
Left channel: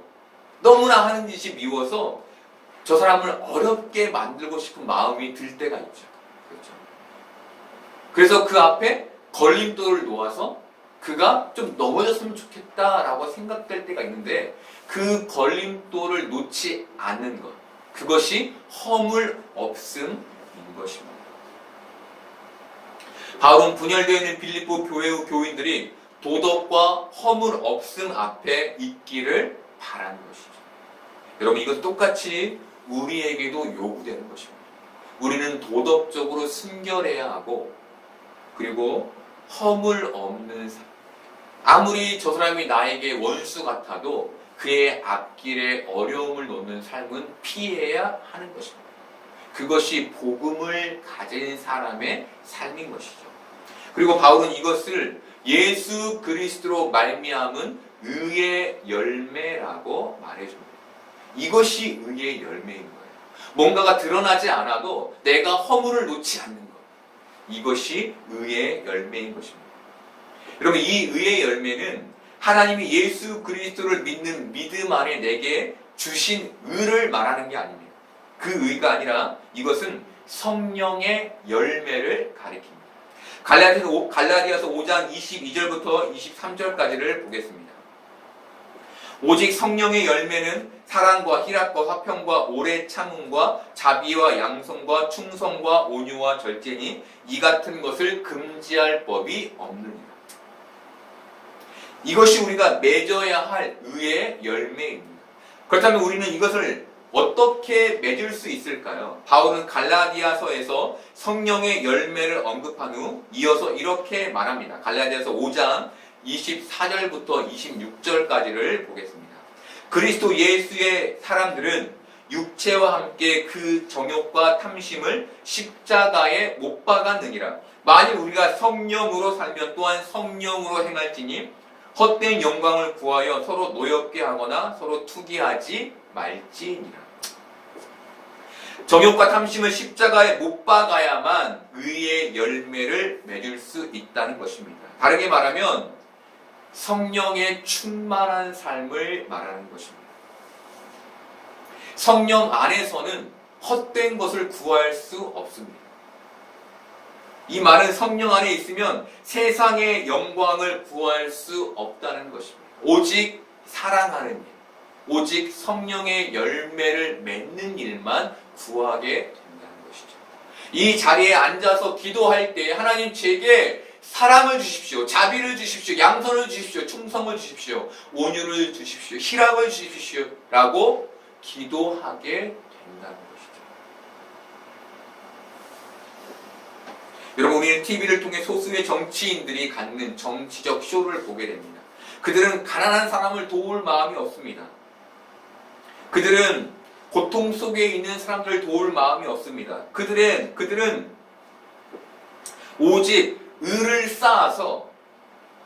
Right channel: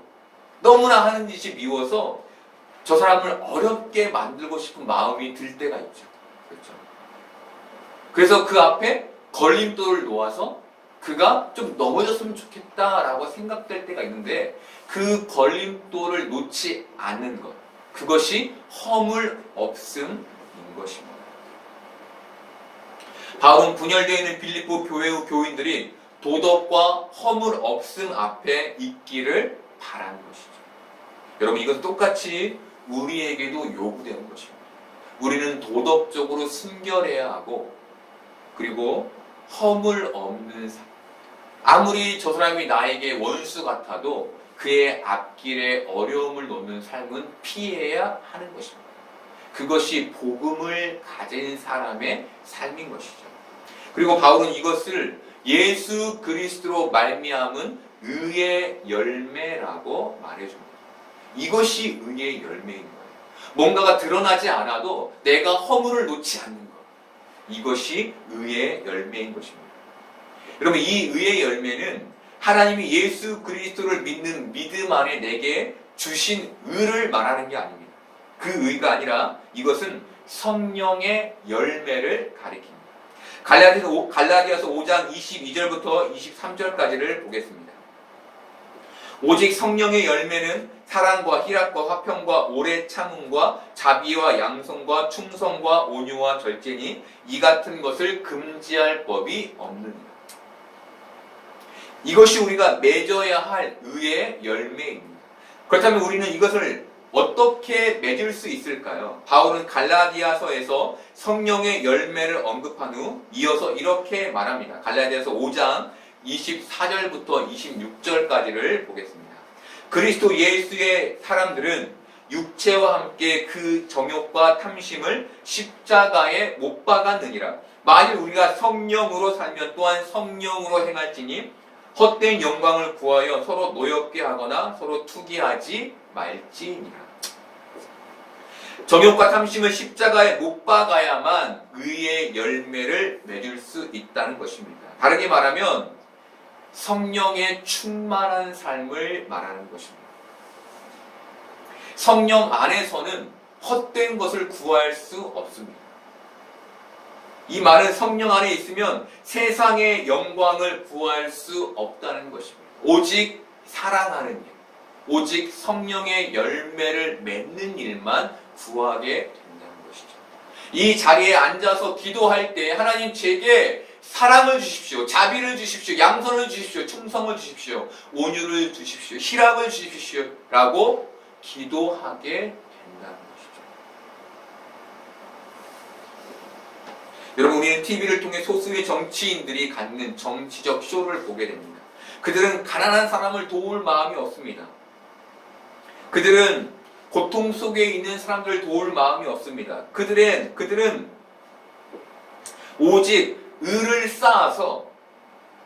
너무나 하는 짓이 미워서 저 사람을 어렵게 만들고 싶은 마음이 들 때가 있죠. 그렇죠? 그래서 그 앞에 걸림돌을 놓아서 그가 좀 넘어졌으면 좋겠다라고 생각될 때가 있는데 그 걸림돌을 놓지 않는 것, 그것이 허물 없음인 것입니다. 바울은 분열되어 있는 빌립보 교회의 교인들이 도덕과 허물 없음 앞에 있기를 바라는 것이죠. 여러분, 이건 똑같이 우리에게도 요구되는 것입니다. 우리는 도덕적으로 순결해야 하고, 그리고 허물 없는 삶. 아무리 저 사람이 나에게 원수 같아도 그의 앞길에 어려움을 놓는 삶은 피해야 하는 것입니다. 그것이 복음을 가진 사람의 삶인 것이죠. 그리고 바울은 이것을 예수 그리스도로 말미암은 의의 열매라고 말해줍니다. 이것이 의의 열매인 거예요. 뭔가가 드러나지 않아도 내가 허물을 놓지 않는 것. 이것이 의의 열매인 것입니다. 여러분, 이 의의 열매는 하나님이 예수 그리스도를 믿는 믿음 안에 내게 주신 의를 말하는 게 아닙니다. 그 의가 아니라 이것은 성령의 열매를 가리킵니다. 갈라디아서 5장 22절부터 23절까지를 보겠습니다. 오직 성령의 열매는 사랑과 희락과 화평과 오래 참음과 자비와 양성과 충성과 온유와 절제니 이 같은 것을 금지할 법이 없느니라. 이것이 우리가 맺어야 할 의의 열매입니다. 그렇다면 우리는 이것을 어떻게 맺을 수 있을까요? 바울은 갈라디아서에서 성령의 열매를 언급한 후 이어서 이렇게 말합니다. 갈라디아서 5장 24절부터 26절까지를 보겠습니다. 그리스도 예수의 사람들은 육체와 함께 그 정욕과 탐심을 십자가에 못 박았느니라. 만일 우리가 성령으로 살면 또한 성령으로 행할지니 헛된 영광을 구하여 서로 노엽게 하거나 서로 투기하지 말지니라. 정욕과 탐심을 십자가에 못 박아야만 의의 열매를 맺을 수 있다는 것입니다. 다르게 말하면 성령의 충만한 삶을 말하는 것입니다. 성령 안에서는 헛된 것을 구할 수 없습니다. 이 말은 성령 안에 있으면 세상의 영광을 구할 수 없다는 것입니다. 오직 사랑하는 일, 오직 성령의 열매를 맺는 일만 구하게 된다는 것이죠. 이 자리에 앉아서 기도할 때 하나님 제게 사랑을 주십시오, 자비를 주십시오, 양선을 주십시오, 충성을 주십시오, 온유를 주십시오, 희락을 주십시오 라고 기도하게 된다는 것이죠. 여러분, 우리는 TV를 통해 소수의 정치인들이 갖는 정치적 쇼를 보게 됩니다. 그들은 가난한 사람을 도울 마음이 없습니다. 그들은 고통 속에 있는 사람들을 도울 마음이 없습니다. 그들은 오직 을을 쌓아서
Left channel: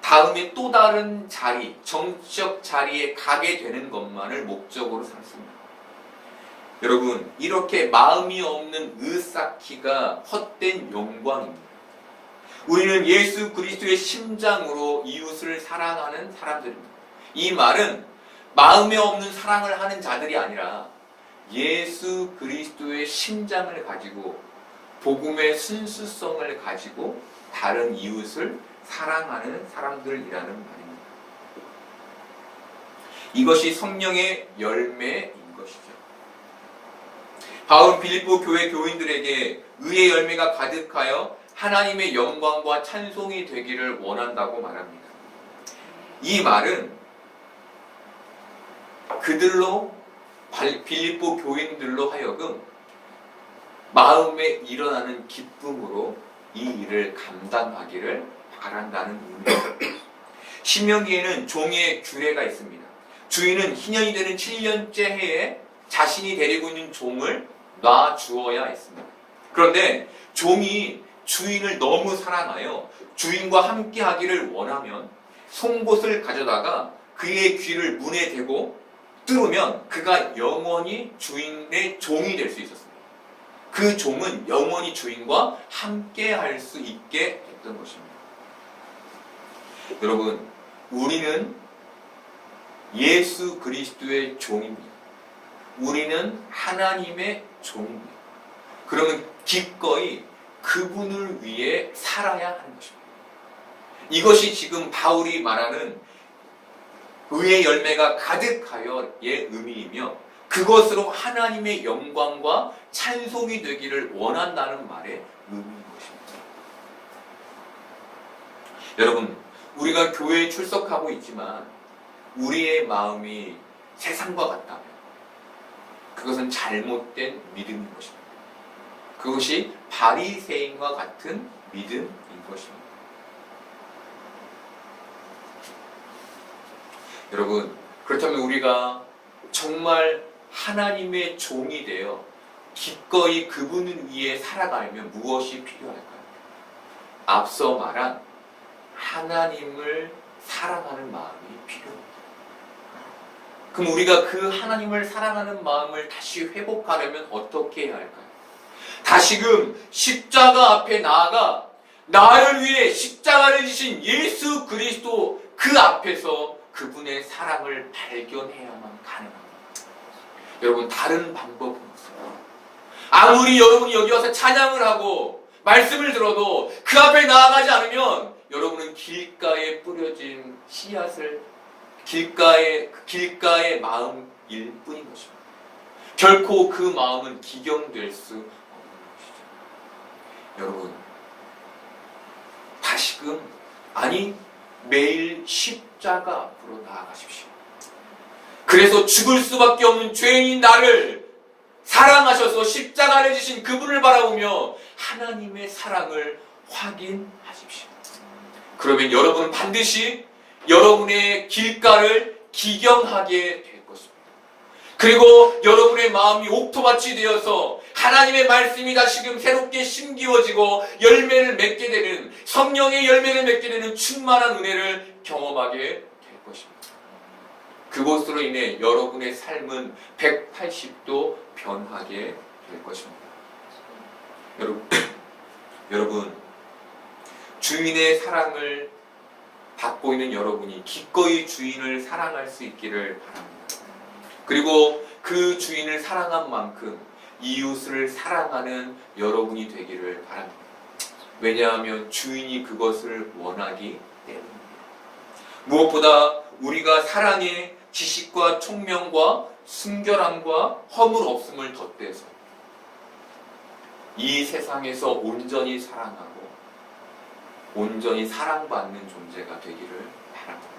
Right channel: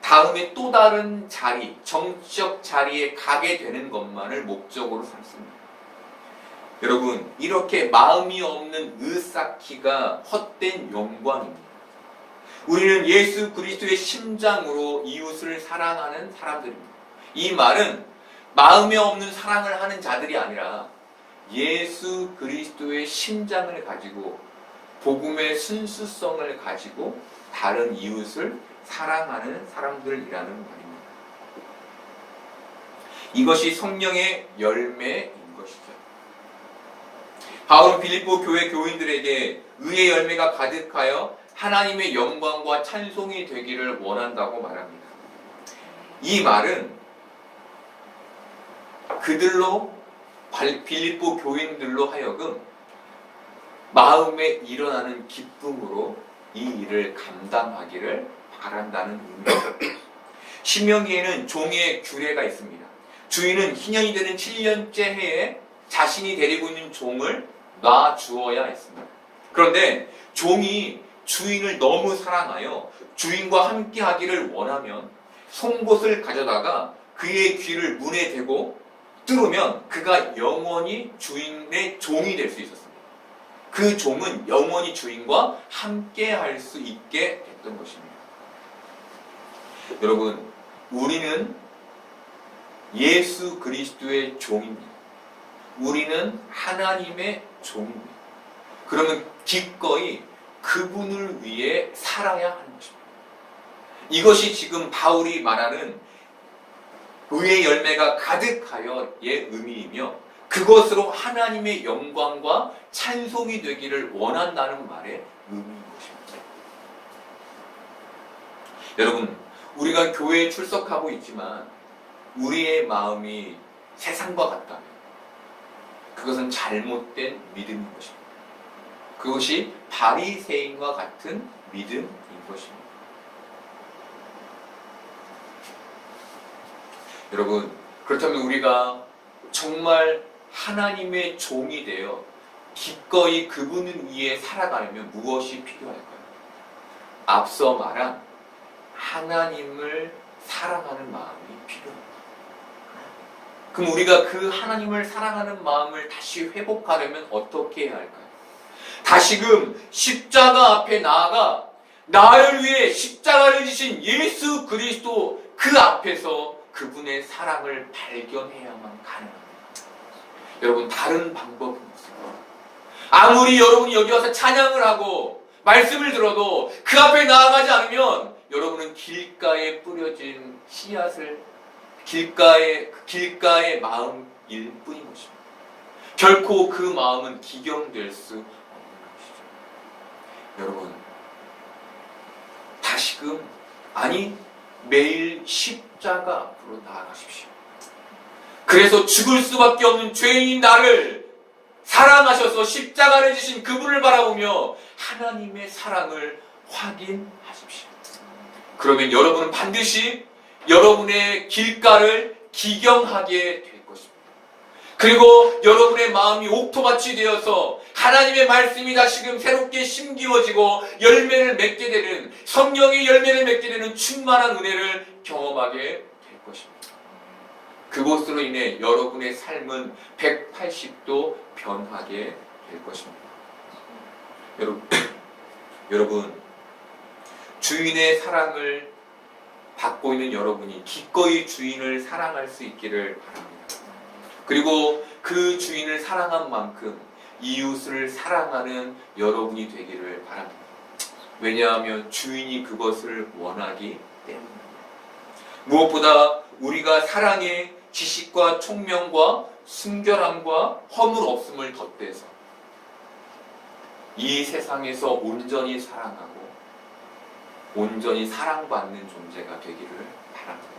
다음에 또 다른 자리, 정치적 자리에 가게 되는 것만을 목적으로 삼습니다. 여러분, 이렇게 마음이 없는 의 쌓기가 헛된 영광입니다. 우리는 예수 그리스도의 심장으로 이웃을 사랑하는 사람들입니다. 이 말은 마음에 없는 사랑을 하는 자들이 아니라 예수 그리스도의 심장을 가지고 복음의 순수성을 가지고 다른 이웃을 사랑하는 사람들이라는 말입니다. 이것이 성령의 열매인 것이죠. 바울은 빌립보 교회 교인들에게 의의 열매가 가득하여 하나님의 영광과 찬송이 되기를 원한다고 말합니다. 이 말은 그들로, 빌립보 교인들로 하여금 마음에 일어나는 기쁨으로 이 일을 감당하기를 바란다는 의미입니다. 신명기에는 종의 규례가 있습니다. 주인은 희년이 되는 7년째 해에 자신이 데리고 있는 종을 놔 주어야 했습니다. 그런데 종이 주인을 너무 사랑하여 주인과 함께 하기를 원하면 송곳을 가져다가 그의 귀를 문에 대고 뚫으면 그가 영원히 주인의 종이 될 수 있었습니다. 그 종은 영원히 주인과 함께 할 수 있게 됐던 것입니다. 여러분, 우리는 예수 그리스도의 종입니다. 우리는 하나님의 종입니다. 그러면 기꺼이 그분을 위해 살아야 하는 것입니다. 이것이 지금 바울이 말하는 의의 열매가 가득하여의 의미이며 그것으로 하나님의 영광과 찬송이 되기를 원한다는 말의 의미인 것입니다. 여러분, 우리가 교회에 출석하고 있지만 우리의 마음이 세상과 같다면 그것은 잘못된 믿음인 것입니다. 그것이 바리새인과 같은 믿음인 것입니다. 여러분, 그렇다면 우리가 정말 하나님의 종이 되어 기꺼이 그분을 위해 살아가려면 무엇이 필요할까요? 앞서 말한 하나님을 사랑하는 마음이 필요합니다. 그럼 우리가 그 하나님을 사랑하는 마음을 다시 회복하려면 어떻게 해야 할까요? 다시금 십자가 앞에 나아가 나를 위해 십자가를 지신 예수 그리스도 그 앞에서 그분의 사랑을 발견해야만 가능합니다. 여러분, 다른 방법은 없습니다. 아무리 여러분이 여기 와서 찬양을 하고 말씀을 들어도 그 앞에 나아가지 않으면 여러분은 길가에 뿌려진 씨앗을 길가의 마음일 뿐인 것입니다. 결코 그 마음은 기경될 수 없는 것이죠. 여러분, 다시금 매일 십자가 앞으로 나아가십시오. 그래서 죽을 수밖에 없는 죄인인 나를 사랑하셔서 십자가를 지신 그분을 바라보며 하나님의 사랑을 확인하십시오. 그러면 여러분은 반드시 여러분의 길가를 기경하게 될 것입니다. 그리고 여러분의 마음이 옥토밭이 되어서 하나님의 말씀이 다시금 새롭게 심기워지고 열매를 맺게 되는, 성령의 열매를 맺게 되는 충만한 은혜를 경험하게 될 것입니다. 그것으로 인해 여러분의 삶은 180도 변하게 될 것입니다. 여러분, 주인의 사랑을 받고 있는 여러분이 기꺼이 주인을 사랑할 수 있기를 바랍니다. 그리고 그 주인을 사랑한 만큼 이웃을 사랑하는 여러분이 되기를 바랍니다. 왜냐하면 주인이 그것을 원하기 때문입니다. 무엇보다 우리가 사랑의 지식과 총명과 순결함과 허물 없음을 덧대서 이 세상에서 온전히 사랑하고 온전히 사랑받는 존재가 되기를 바랍니다.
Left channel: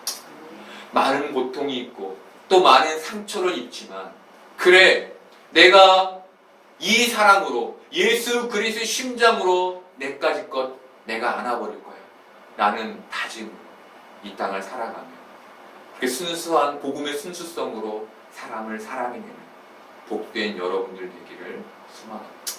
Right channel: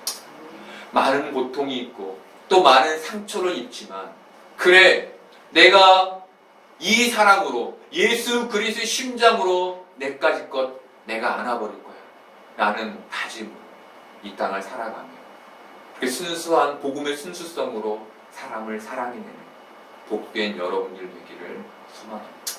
많은 고통이 있고 또 많은 상처를 입지만, 그래, 내가 이 사랑으로 예수 그리스도의 심장으로 내까지 것 내가 안아버릴 거야 라는 다짐으로 이 땅을 살아가며 그렇게 순수한 복음의 순수성으로 사람을 사랑해내는 복된 여러분들 되기를 소망합니다.